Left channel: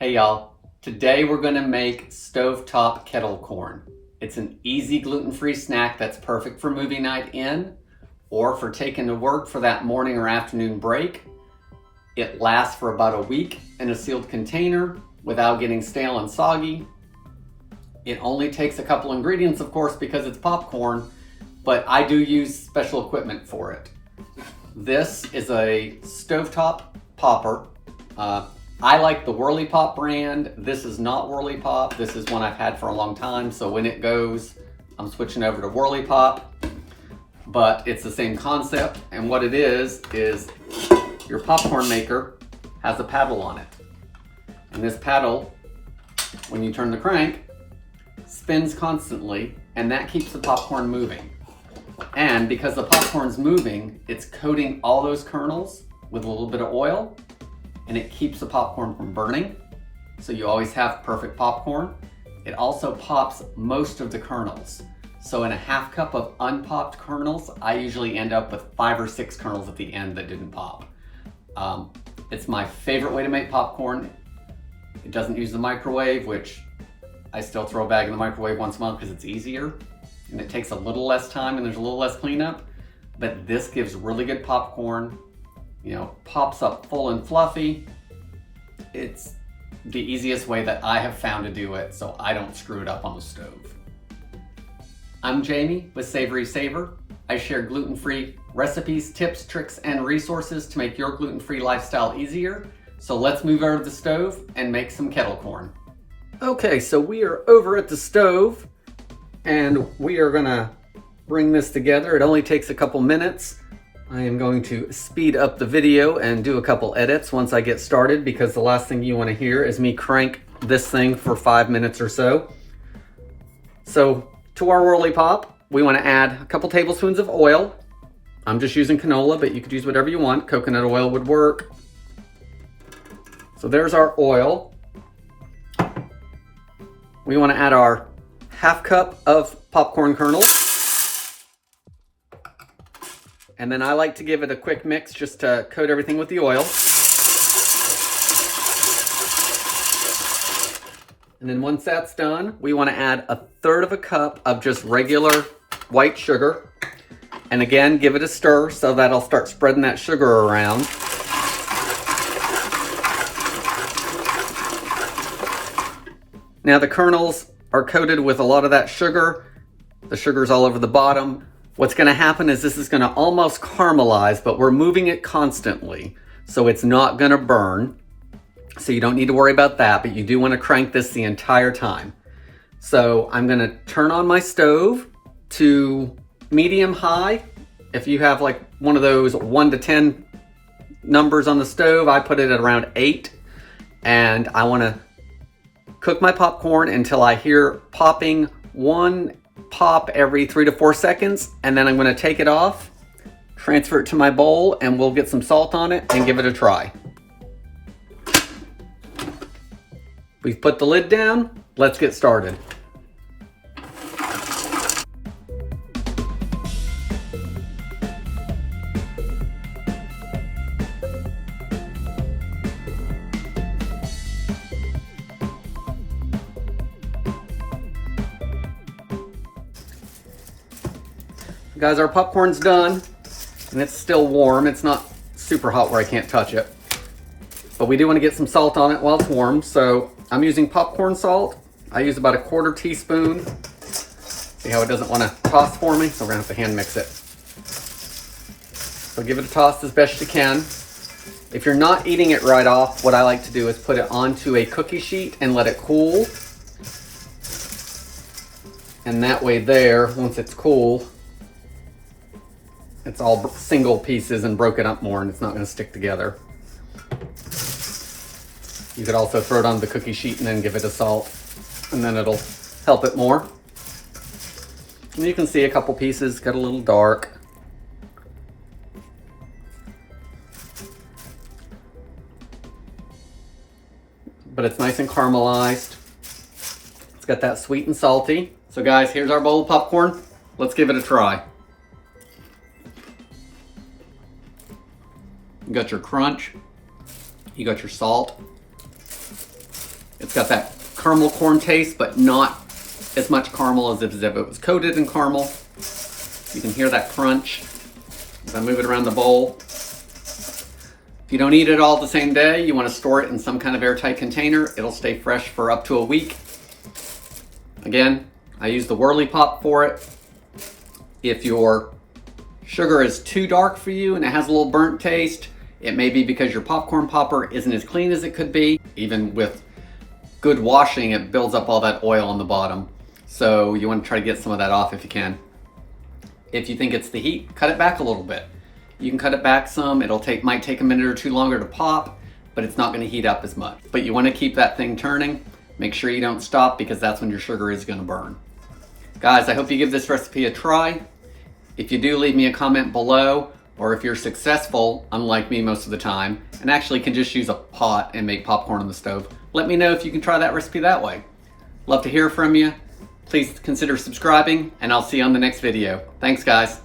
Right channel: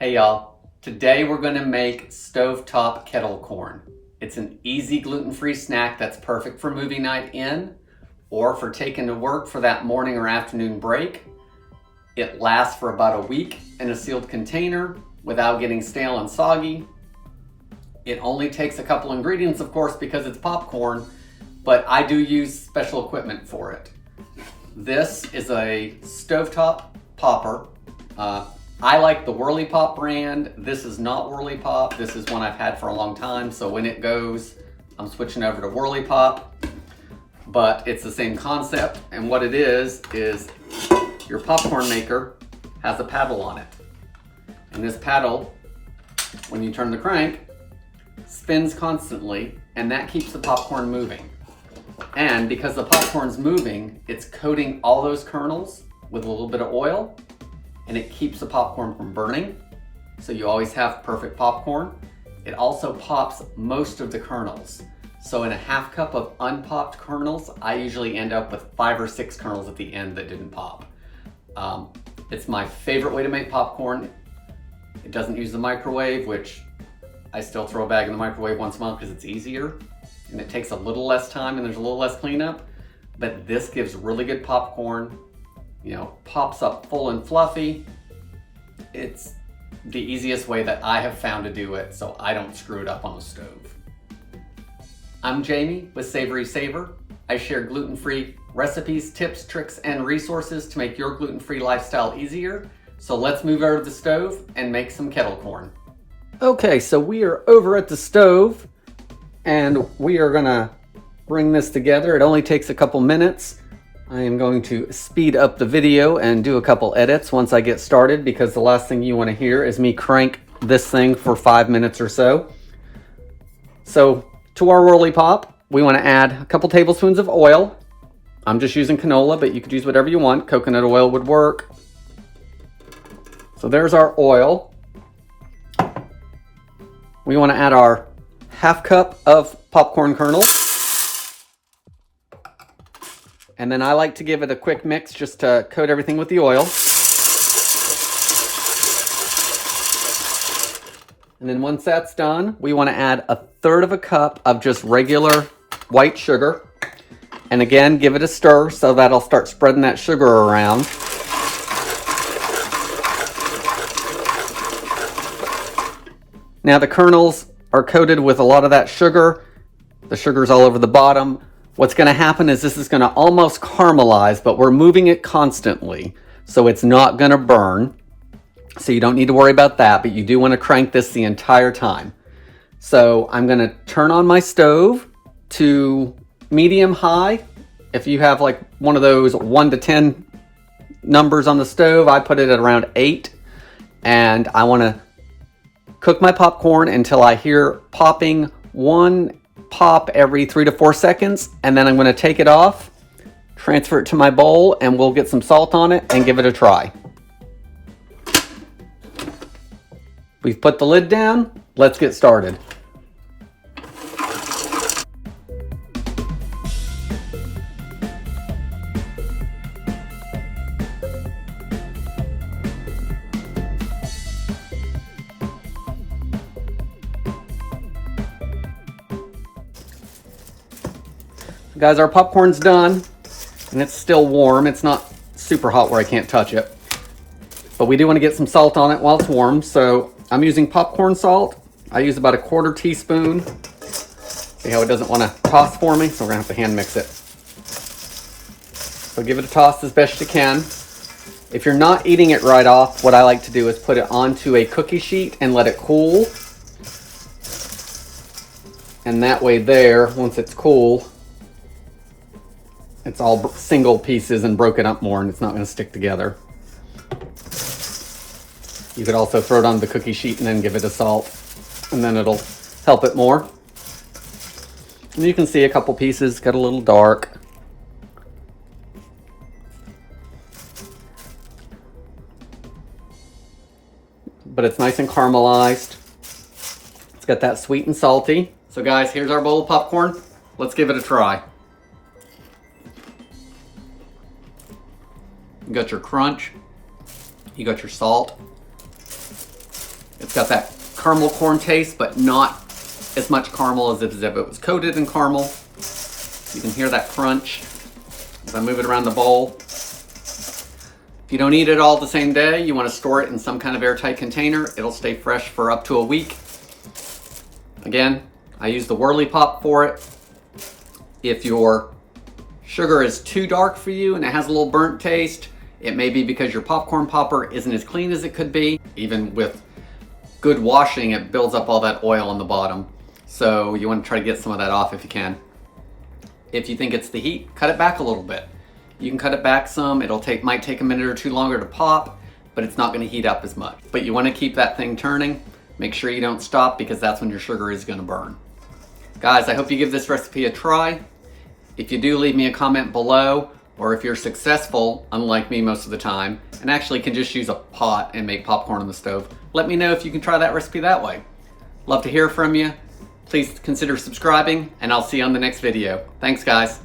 Hey y'all, today we're gonna make stovetop kettle corn. It's an easy gluten-free snack that's perfect for movie night in or for taking to work for that morning or afternoon break. It lasts for about a week in a sealed container without getting stale and soggy. It only takes a couple ingredients, of course, because it's popcorn, but I do use special equipment for it. This is a stovetop popper. I like the Whirley Pop brand. This is not Whirley Pop. This is one I've had for a long time. So when it goes, I'm switching over to Whirley Pop. But it's the same concept. And what it is your popcorn maker has a paddle on it. And this paddle, when you turn the crank, spins constantly, and that keeps the popcorn moving. And because the popcorn's moving, it's coating all those kernels with a little bit of oil, and it keeps the popcorn from burning. So you always have perfect popcorn. It also pops most of the kernels. So in a half cup of unpopped kernels, I usually end up with 5 or 6 kernels at the end that didn't pop. It's my favorite way to make popcorn. It doesn't use the microwave, which I still throw a bag in the microwave once a month because it's easier. And it takes a little less time and there's a little less cleanup. But this gives really good popcorn. You know, pops up full and fluffy. It's the easiest way that I have found to do it, so I don't screw it up on the stove. I'm Jamie with SavorySaver. I share gluten-free recipes, tips, tricks, and resources to make your gluten-free lifestyle easier. So let's move over to the stove and make some kettle corn. Okay, so we are over at the stove and we are gonna bring this together. It only takes a couple minutes. I am going to speed up the video and do a couple edits once I get started, because the last thing you want to hear is me crank this thing for 5 minutes or so. So to our Whirley Pop, we want to add a couple tablespoons of oil. I'm just using canola, but you could use whatever you want. Coconut oil would work. So there's our oil. We want to add our half cup of popcorn kernels. And then I like to give it a quick mix just to coat everything with the oil. And then once that's done, we want to add 1/3 of a cup of just regular white sugar. And again, give it a stir so that'll start spreading that sugar around. Now the kernels are coated with a lot of that sugar. The sugar's all over the bottom. What's going to happen is this is going to almost caramelize, but we're moving it constantly, so it's not going to burn. So you don't need to worry about that, but you do want to crank this the entire time. So I'm going to turn on my stove to medium high. If you have like one of those 1 to 10 numbers on the stove, I put it at around 8. And I want to cook my popcorn until I hear popping, one pop every 3 to 4 seconds, and then I'm going to take it off, transfer it to my bowl, and we'll get some salt on it and give it a try. We've put the lid down. Let's get started. Guys, our popcorn's done, and it's still warm. It's not super hot where I can't touch it. But we do want to get some salt on it while it's warm, so I'm using popcorn salt. I use about 1/4 teaspoon. See how it doesn't want to toss for me, so we're going to have to hand mix it. So give it a toss as best you can. If you're not eating it right off, what I like to do is put it onto a cookie sheet and let it cool. And that way there, once it's cool, it's all single pieces and broken up more, and it's not going to stick together. You could also throw it on the cookie sheet and then give it a salt, and then it'll help it more. And you can see a couple pieces got a little dark. But it's nice and caramelized. It's got that sweet and salty. So guys, here's our bowl of popcorn. Let's give it a try. You got your crunch, you got your salt, It's got that caramel corn taste, but not as much caramel as if it was coated in caramel. You can hear that crunch as I move it around the bowl. If you don't eat it all the same day, you want to store it in some kind of airtight container. It'll stay fresh for up to a week. Again, I use the Whirley Pop for it. If your sugar is too dark for you and it has a little burnt taste, it may be because your popcorn popper isn't as clean as it could be. Even with good washing, it builds up all that oil on the bottom. So you want to try to get some of that off if you can. If you think it's the heat, cut it back a little bit. You can cut it back some. Might take a minute or two longer to pop, but it's not going to heat up as much. But you want to keep that thing turning. Make sure you don't stop because that's when your sugar is going to burn. Guys, I hope you give this recipe a try. If you do, leave me a comment below, or if you're successful, unlike me most of the time, and actually can just use a pot and make popcorn on the stove, let me know if you can try that recipe that way. Love to hear from you. Please consider subscribing, and I'll see you on the next video. Thanks, guys.